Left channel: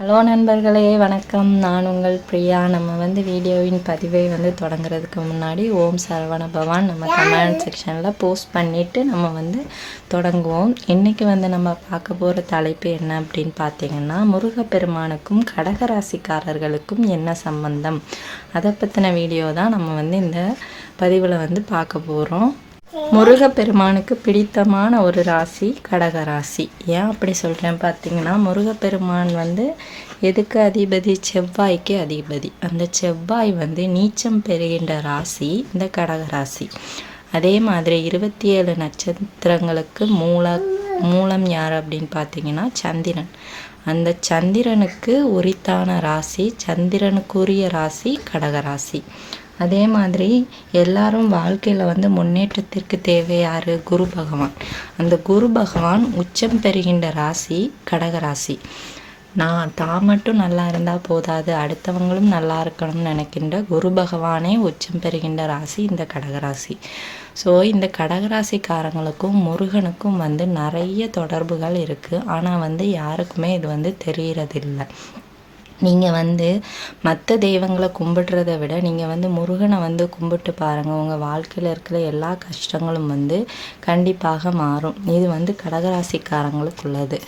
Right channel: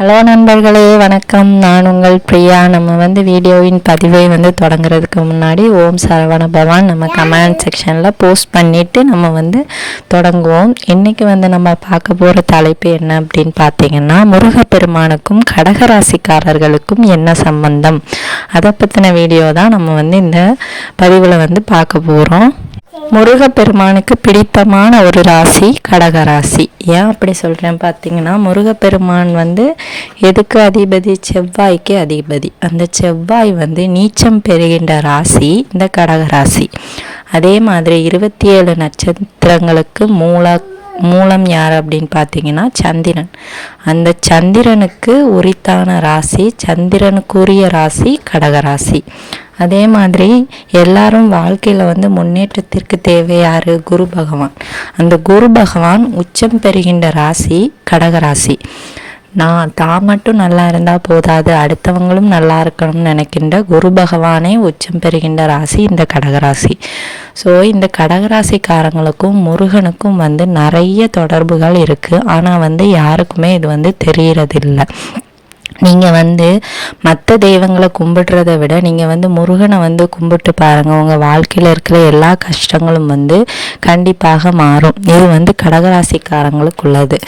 Hello நண்பர்களே வணக்கம். நான் உங்கள் பிரியா. நம்ம வந்து வீடியோவின் பதிவை வந்து தொடங்குறதுக்கு முன்னாடி ஓம் சரவண பவான் நம்ம கமெண்ட் செக்ஷனில் போஸ்ட் பண்ணிவிட்டு நம்ம வந்து தொடங்குவோம். இன்றைக்கி வந்து நம்ம பார்க்க போகிற தலைப்பு என்ன அப்படின்னு பார்த்தீங்கன்னா முருகப்பெருமானுக்கும் கடகராசிக்காரர்களுக்கும் என்ன சம்பந்தம்? அதை பற்றின வீடியோ தான் நம்ம வந்து இந்த பதிவில் வந்து பார்க்க போகிறோம் முருகப்பெருமானுக்கு பிடித்தமான ஒரு ராசி கடகராசி. ஏன் அப்படி சொல்கிறேன் பார்த்தீங்கன்னா முருகப்பெருமான் வந்து எதுக்கு அதிபதி? செவ்வாய்க்கு அதிபதி. அந்த செவ்வாய் வந்து நீச்சம் பெறுகின்ற ராசி இந்த கடகராசி. அதே மாதிரி இருபத்தி ஏழு நட்சத்திரங்களுக்கு மூல மூலம் யார் அப்படின்னு பார்த்தீங்கன்னா சந்திரன். அந்த சந்திரனுக்கு உரித்தான ராசி சந்திரனுக்குரிய ராசி கடகராசி. அதே மாதிரி எல்லாரும் வாழ்க்கையில் வந்து முன்னேற்றத்திற்கு தேவையாரு குரு பகவான். அந்த குரு பகவான் உச்சம் பெறுகின்ற ராசி கடகராசி நான் தான் மட்டும் நல்லா இருந்தால் போதாது அடுத்தவங்களும் நல்லா இருக்கணும்னு நினைக்கின்ற குரு பகவானே உச்சம் பெறுகின்ற ராசி இந்த கடகராசி ஸோ இந்த கடகராசிக்காரங்களுக்கும் முருகனுக்கும் வந்து நிறைய தொடர்புகள் இருக்குது ஆனால் வந்து யாருக்குமே இது வந்து தெரிகிறதில்லை நீங்கள் வந்து மற்ற தெய்வங்களை கும்பிடுறத விட நீங்கள் வந்து முருகனை வந்து கும்பிட்டு பாருங்கள் உங்கள் வாழ்க்கையில் இருக்கிற எல்லா கஷ்டங்களும் வந்து கண்டிப்பாக மாறும். இது வந்து கடகராசிக்காரங்களுக்கு உள்ளது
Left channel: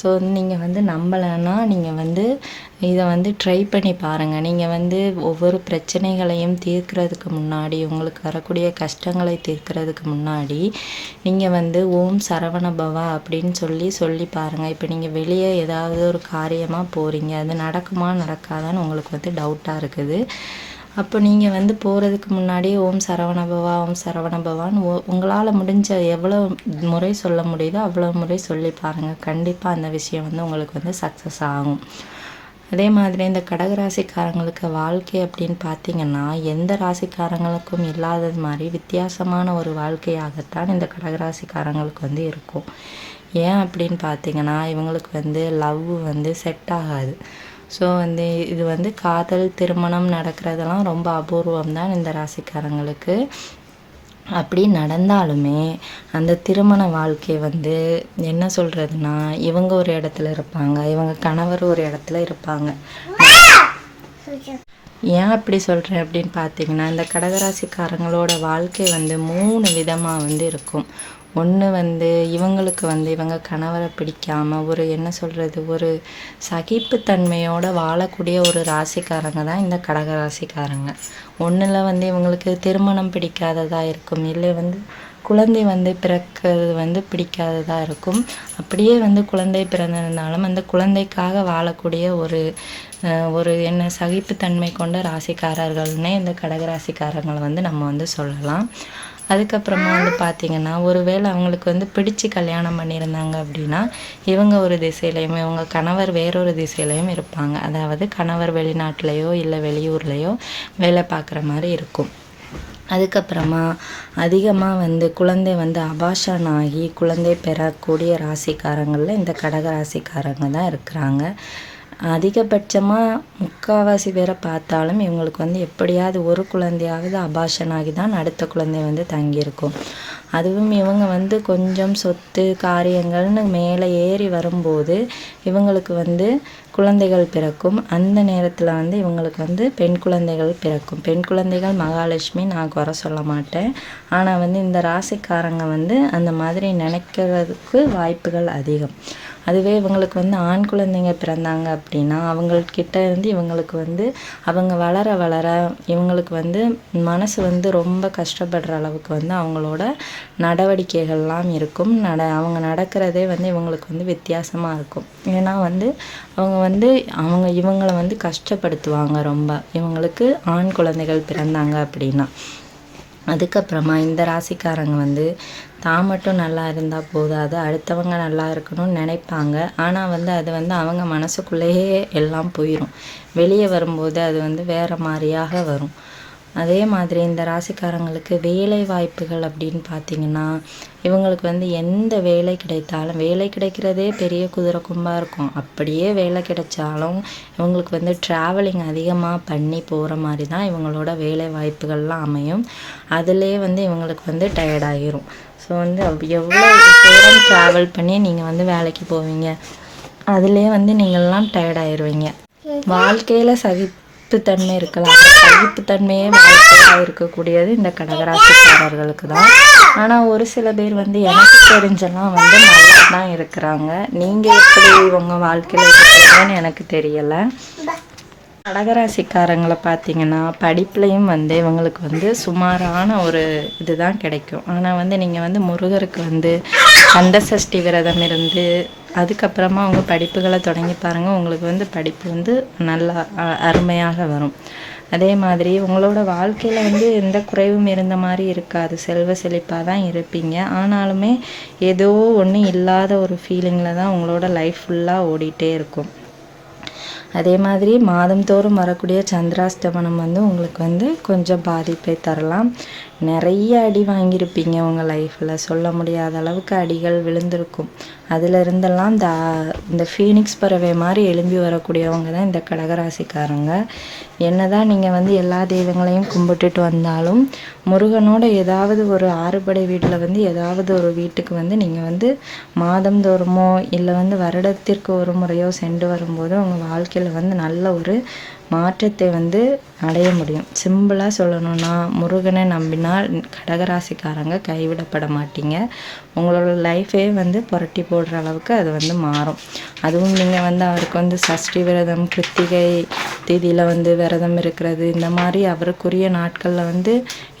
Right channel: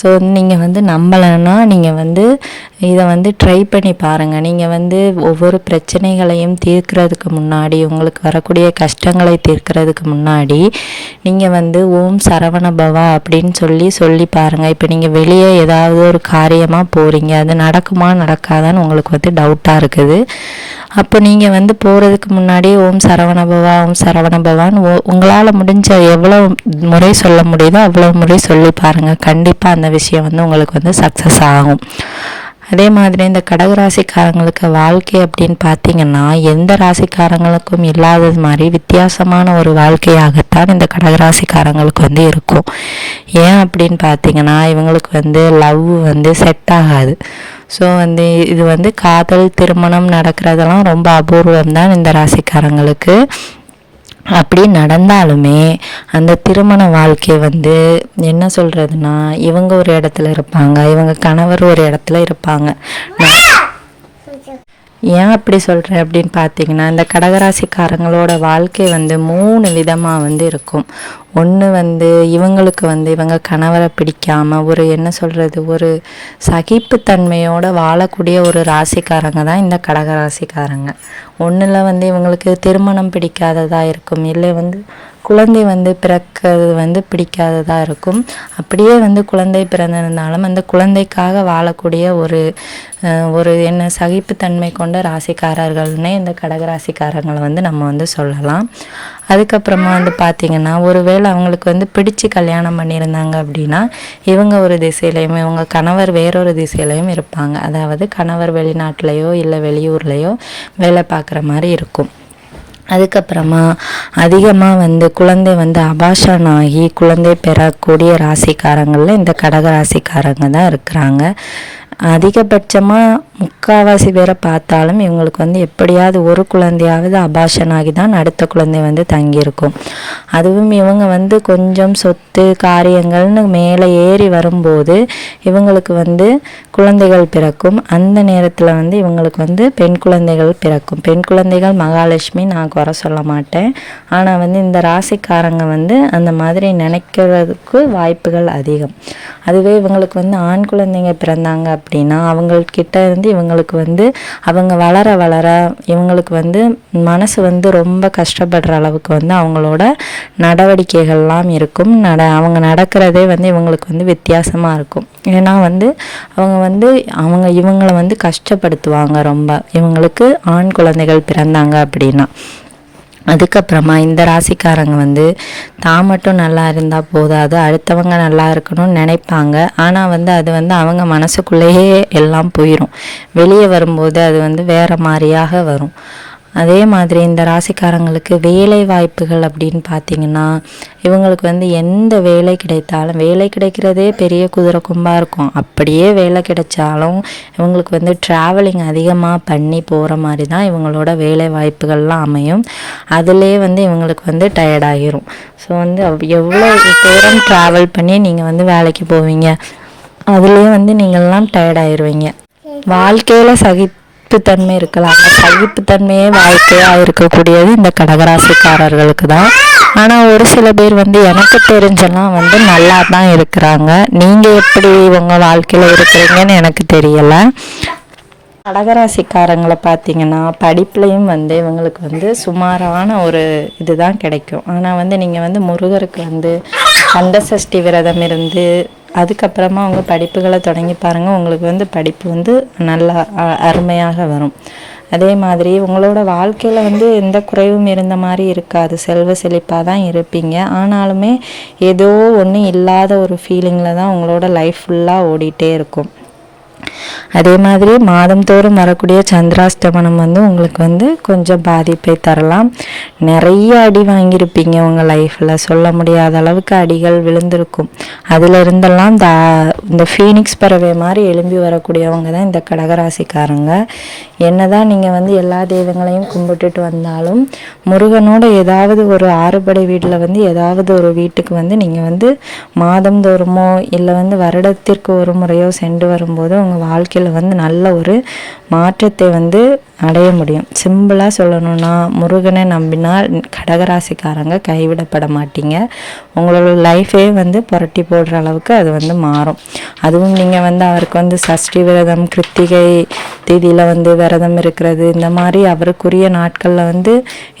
ஸோ நீங்கள் வந்து நம்பலைன்னா நீங்கள் வந்து இதை வந்து ட்ரை பண்ணி பாருங்கள் நீங்கள் வந்து ஒவ்வொரு பிரச்சனைகளையும் தீர்க்கிறதுக்கு முன்னாடி உங்களுக்கு வரக்கூடிய கஷ்டங்களை தீர்க்கிறதுக்கு முன்னாடி நீங்கள் வந்து ஓம் சரவண பவா அப்படின்னு சொல்லி சொல்லி பாருங்கள் இப்போ நீங்கள் வெளியே ஏதாவது ஒரு காரியமாக போகிறீங்க அது நடக்குமா நடக்காதான்னு உங்களுக்கு வந்து டவுட்டாக இருக்குது. அப்போ நீங்கள் வந்து போகிறதுக்கு முன்னாடி ஓம் சரவணபவா ஓம் சரவணபவான்னு ஓ உங்களால் முடிஞ்ச எவ்வளோ முறை சொல்ல முடியுதோ அவ்வளோ முறை சொல்லி பாருங்கள் கண்டிப்பாக அந்த விஷயம் வந்து உங்களுக்கு வந்து சக்ஸஸ் ஆகும். அதே மாதிரி இந்த கடகராசிக்காரங்களுக்கு வாழ்க்கை அப்படின்னு பார்த்தீங்கன்னா எந்த ராசிக்காரங்களுக்கும் இல்லாதது மாதிரி வித்தியாசமான ஒரு வாழ்க்கையாகத்தான் இந்த கடகராசிக்காரங்களுக்கு வந்து இருக்கும். ஏன் அப்படின்னு பார்த்தீங்கன்னா இவங்களுக்கு வந்து லவ் வந்து செட் ஆகாது. ஸோ வந்து இது வந்து காதல் திருமணம் நடக்கிறதெல்லாம் ரொம்ப அபூர்வம் தான் இந்த ராசிக்காரங்களுக்கு. அப்படி நடந்தாலுமே அந்த திருமண வாழ்க்கை வந்து என்ன சொல்கிறதுனா இவங்க ஒரு இடத்துல இருப்பாங்க இவங்க கணவர் ஒரு இடத்துல இருப்பாங்க. ஏன் அப்படி சொல்கிறேன் அப்படின்னு பார்த்தீங்கன்னா இந்த கடகராசிக்காரங்களோட வாழ்க்கை வந்து மூணு விதமாக வந்து இருக்கும். ஒன்று வந்து இவங்களுக்கு வந்து இவங்க கணவரை பிடிக்காமல் ஒரு என்ன சொல்கிறது ஒரு சகிப்புத்தன்மையோடு வாழக்கூடிய ஒரு ராசிக்காரங்க தான் இந்த கடகராசிக்காரங்க. ஒன்றில் வந்து இவங்களுக்கு திருமணம் பிடிக்காததாக இருக்கும் இல்லை வந்து குழந்தை வந்து பிறக்கிறது வந்து பிடிக்காததாக இருக்கும். அப்படியே வந்து குழந்தை பிறந்திருந்தாலும் அந்த குழந்தைக்காக வாழக்கூடிய ஒரு ஒரு என்ன சகிப்புத்தன்மை கொண்ட ராசிக்காரர்கள்னே இந்த கடகராசிக்காரங்களை வந்து நம்ம வந்து சொல்லலாம். அதுக்கப்புறமா வந்து பார்த்திங்கன்னா ஒருவேளை அவங்களுக்கு வந்து பிடிச்சு கல்யாணம் பண்ணியிருந்தாங்க அப்படின்னா இவங்க ஒரு திசையிலையும் இவங்க கணவர் வேறொரு திசையிலையும் இருப்பாங்க. அதாவது கணவர் வெளிநாட்டிலையோ இல்லை வெளியூர்லேயோ வேலை பார்க்குற மாதிரி இருக்கும். அதுக்கப்புறமா அதிகமாக வந்து குழந்தை வந்து அபாஷன் ஆகி குழந்தை பெறக்கூடிய ராசிக்காரங்களில் இந்த கடக ராசிக்காரங்க தான் இருக்கிறாங்க. அதிகபட்சமாக முக்கால்வாசி பேரை பார்த்தாலும் இவங்களுக்கு வந்து எப்படியாவது ஒரு குழந்தையாவது அபாஷன் ஆகி தான் அடுத்த குழந்தை வந்து தங்கியிருக்கும். அதுவும் இவங்க வந்து கொஞ்சம் சொத்து காரியங்கள்னு மேலே ஏறி வரும்போது இவங்களுக்கு வந்து குழந்தைகள் பிறக்கும். அந்த நேரத்தில் வந்து இவங்களுக்கு வந்து பெண் குழந்தைகள் பிறக்கும். பெண் குழந்தைகள் மகாலட்சுமி நான் குறை சொல்ல மாட்டேன். ஆனால் வந்து இந்த ராசிக்காரங்க வந்து அந்த மாதிரி நினைக்கிறதுக்கு வாய்ப்புகள் அதிகம். அதுவே இவங்களுக்கு வந்து ஆண் குழந்தைங்க பிறந்தாங்க அப்படின்னா அவங்கக்கிட்ட இருந்து இவங்களுக்கு வந்து அவங்க வளர வளர இவங்களுக்கு வந்து மனசு வந்து ரொம்ப கஷ்டப்படுற அளவுக்கு வந்து அவங்களோட நடவடிக்கைகள்லாம் இருக்கும். நட அவங்க நடக்கிறதே வந்து இவங்களுக்கு வந்து வித்தியாசமாக இருக்கும். ஏன்னா வந்து அவங்க வந்து அவங்க இவங்களை வந்து கஷ்டப்படுத்துவாங்க ரொம்ப. இவங்களுக்கு ஆண் குழந்தைகள் பிறந்தாங்க அப்படின்னா. அதுக்கப்புறமா இந்த ராசிக்காரங்க வந்து தான் மட்டும் நல்லா இருந்தால் போதாது அடுத்தவங்க நல்லா இருக்கணும்னு நினைப்பாங்க. ஆனால் வந்து அது வந்து அவங்க மனசுக்குள்ளேயே எல்லாம் போயிடும் வெளியே வரும்போது அது வந்து வேறு மாதிரியாக வரும். அதே மாதிரி இந்த ராசிக்காரங்களுக்கு வேலை வாய்ப்புகள் அப்படின்னு பார்த்தீங்கன்னா இவங்களுக்கு வந்து எந்த வேலை கிடைத்தாலும் வேலை கிடைக்கிறதே பெரிய குதிரை கும்பாக இருக்கும். அப்படியே வேலை கிடைச்சாலும் இவங்களுக்கு வந்து ட்ராவலிங் அதிகமாக பண்ணி போகிற மாதிரி தான் இவங்களோட வேலை வாய்ப்புகள்லாம் அமையும். அதிலே வந்து இவங்களுக்கு வந்து டயர்டாகிரும் ஸோ வந்து எவ்வளோ தூரம் ட்ராவல் பண்ணி நீங்கள் வந்து வேலைக்கு போவீங்க? அதுலேயே வந்து நீங்கள்லாம் டயர்ட் ஆயிடுவீங்க வாழ்க்கையில் சகிப்புத்தன்மை இருக்கலாம். அந்த சகிப்புத்தன்மையே வாழ்க்கையாக இருக்கக்கூடியது இந்த கடகராசிக்காரர்களுக்கு தான். ஆனால் ஒரு சில பேர் வந்து எனக்கு தெரிஞ்செல்லாம் வந்து நல்லா தான் இருக்கிறாங்க. நீங்கள் எப்படி உங்கள் வாழ்க்கையில் இருக்கிறீங்கன்னு எனக்கு தெரியலை. கடகராசிக்காரங்களை பார்த்தீங்கன்னா படிப்புலையும் வந்து இவங்களுக்கு வந்து சுமாரான ஒரு இதுதான் கிடைக்கும். ஆனால் வந்து நீங்கள் வந்து முருகருக்கு வந்து கந்த சஷ்டி விரதம் இருந்து அதுக்கப்புறமா அவங்க படிப்புகளை தொடங்கி பாருங்கள் உங்களுக்கு வந்து படிப்பு வந்து நல்லா அருமையாக வரும். அதே மாதிரி உங்களோட வாழ்க்கையில் வந்து எந்த குறைவும் இருந்த மாதிரி இருக்காது. செல்வ செழிப்பாக தான் இருப்பீங்க. ஆனாலுமே ஏதோ ஒன்றும் இல்லாத ஒரு ஃபீலிங்கில் தான் உங்களோட லைஃப் ஃபுல்லாக ஓடிட்டே இருக்கும். அதே மாதிரி மாதந்தோறும் வரக்கூடிய சந்திராஷ்டமனம் வந்து உங்களுக்கு வந்து கொஞ்சம் பாதிப்பை தரலாம். நிறைய அடி வாங்கியிருப்பீங்க உங்கள் லைஃப்பில் சொல்ல முடியாத அளவுக்கு அடிகள் விழுந்திருக்கும். அதில் இருந்தெல்லாம் இந்த இந்த ஃபீனிக்ஸ் பறவை மாதிரி எழும்பி வரக்கூடியவங்க தான் இந்த கடகராசிக்காரங்க. என்ன தான் நீங்கள் வந்து எல்லா தெய்வங்களையும் கும்பிட்டுட்டு வந்தாலும் முருகனோட ஏதாவது ஒரு ஆறுபடை வீட்டில் வந்து ஏதாவது ஒரு வீட்டுக்கு வந்து நீங்கள் வந்து மாதந்தோறுமோ இல்லை வந்து வருடத்திற்கு ஒரு முறையோ சென்று வரும்போது உங்கள் வாழ்க்கையில் வந்து நல்ல ஒரு மாற்றத்தை வந்து அடைய முடியும். சிம்பிளாக சொல்லணும்னா முருகனை நம்பினால் கடகராசிக்காரங்க கைவிடப்பட மாட்டீங்க. உங்களோட லைஃபே வந்து புரட்டி போடுற அளவுக்கு அது வந்து மாறும். அதுவும் நீங்கள் வந்து அவருக்கு வந்து சஷ்டி விரதம் கிருத்திகை தேதியில் வந்து விரதம் இருக்கிறது இந்த மாதிரி அவருக்குரிய நாட்களில் வந்து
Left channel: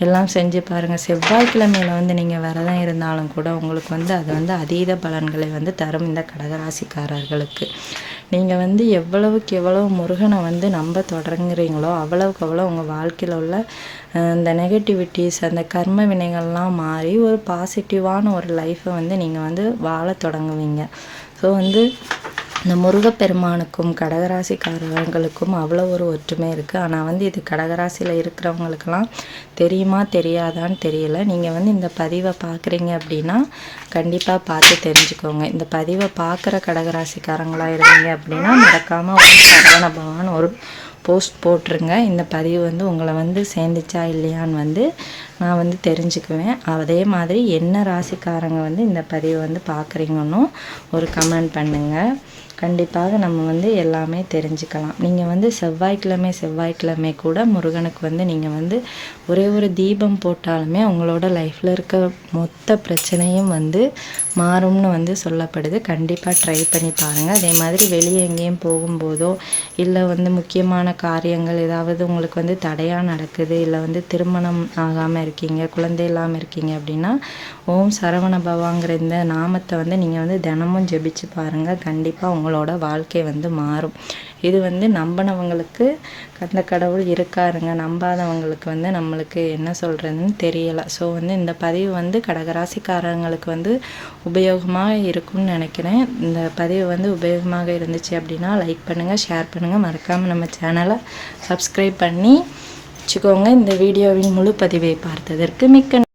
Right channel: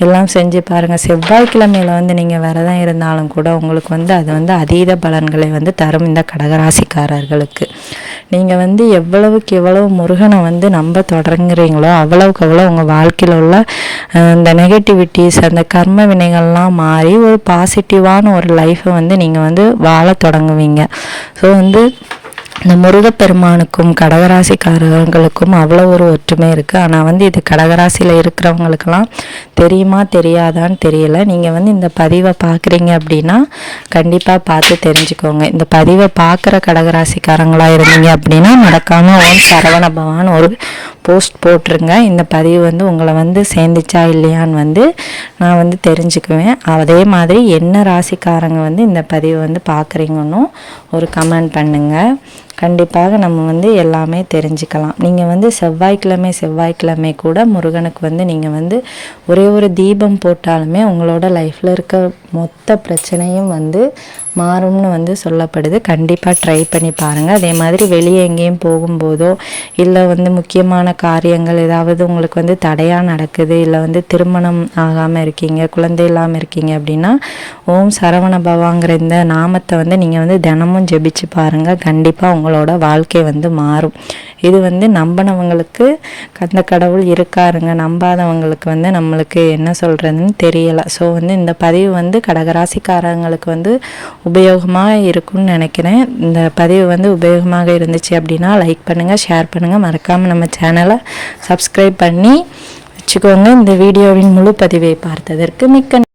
எல்லாம் செஞ்சு பாருங்கள் செவ்வாய்க்கிழமையில வந்து நீங்கள் விரதம் இருந்தாலும் கூட உங்களுக்கு வந்து அது வந்து அதீத பலன்களை வந்து தரும் இந்த கடகராசிக்காரர்களுக்கு. நீங்கள் வந்து எவ்வளவுக்கு எவ்வளவு முருகனை வந்து நம்ப தொடங்குறீங்களோ அவ்வளவுக்கு அவ்வளோ உங்கள் வாழ்க்கையில் உள்ள அஹ், இந்த நெகட்டிவிட்டிஸ் அந்த கர்ம வினைகள்லாம் மாறி ஒரு பாசிட்டிவான ஒரு லைஃப்பை வந்து நீங்கள் வந்து வாழ தொடங்குவீங்க. ஸோ வந்து இந்த முருகப்பெருமானுக்கும் கடகராசிக்காரர்களுக்கும் அவ்வளோ ஒரு ஒற்றுமை இருக்குது ஆனால் வந்து இது கடகராசியில் இருக்கிறவங்களுக்கெல்லாம் தெரியுமா தெரியாதான்னு தெரியல. நீங்கள் வந்து இந்த பதிவை பார்க்குறீங்க அப்படின்னா கண்டிப்பாக பார்த்து தெரிஞ்சுக்கோங்க. இந்த பதிவை பார்க்குற கடகராசிக்காரங்களாக இருந்தீங்க அப்படின்னா மறக்காமல் ஓம் சரவண பவான் ஒரு போஸ்ட் போட்டுருங்க. இந்த பதிவு வந்து உங்களை வந்து சேர்ந்துச்சா இல்லையான்னு வந்து நான் வந்து தெரிஞ்சுக்குவேன். அதே மாதிரி என்ன ராசிக்காரங்க வந்து இந்த பதிவை வந்து பார்க்குறீங்கன்னு ஒரு கமெண்ட் பண்ணுங்கள் கண்டிப்பாக நம்ம வந்து எல்லாமே தெரிஞ்சுக்கலாம். நீங்கள் வந்து செவ்வாய்க்கிழமை செவ்வாய்க்கிழமை கூட முருகனுக்கு வந்து நீங்கள் வந்து ஒரே ஒரு தீபம் போட்டாலுமே உங்களோட லைஃப்பில் இருக்க மொத்த பிரச்சனையும் வந்து மாறும்னு வந்து சொல்லப்படுது. கண்டிப்பாக ட்ரை பண்ணி பாருங்கள் அதே மாதிரி வெளியே எங்கேயும் போகும்போதோ இல்லை வந்து முக்கியமான காரியங்கள் ஏதாவது உங்களுக்கு வந்து தடையாக நடக்குது இல்லை வந்து திருமணம் ஆகாமல் இருக்கீங்க குழந்தை இல்லாமல் இருக்கீங்க அப்படின்னா ஓம் சரவண பவாங்கிற இந்த நாமத்தை வந்து நீங்கள் வந்து தினமும் ஜெபிச்சு பாருங்கள் கண்டிப்பாக அவங்களோட வாழ்க்கை வந்து மாறும். இது வந்து நம்பினவங்களுக்கு அந்த கடவுள் இருக்காருங்க. நம்பாதவங்களுக்கு வந்து நம்மளுக்கு என்ன சொல்கிறதுன்னு தெரியலை. ஸோ வந்து இந்த பதிவு வந்து கடகராசிக்காரங்களுக்கு வந்து உபயோகமாக இருக்கும்னு நினைக்கிறேன். இந்த பதிவு வந்து உபயோகமாக இருந்துச்சு அப்படின்னா லைக் பண்ணுங்கள் ஷேர் பண்ணுங்கள் மறக்காமல் நம்ம சேனலை சப்ஸ்கிரைப் பண்ணி வச்சுக்கோங்க. இந்த வீடியோவின் முழு பதிவை பார்த்ததற்கு மிக்க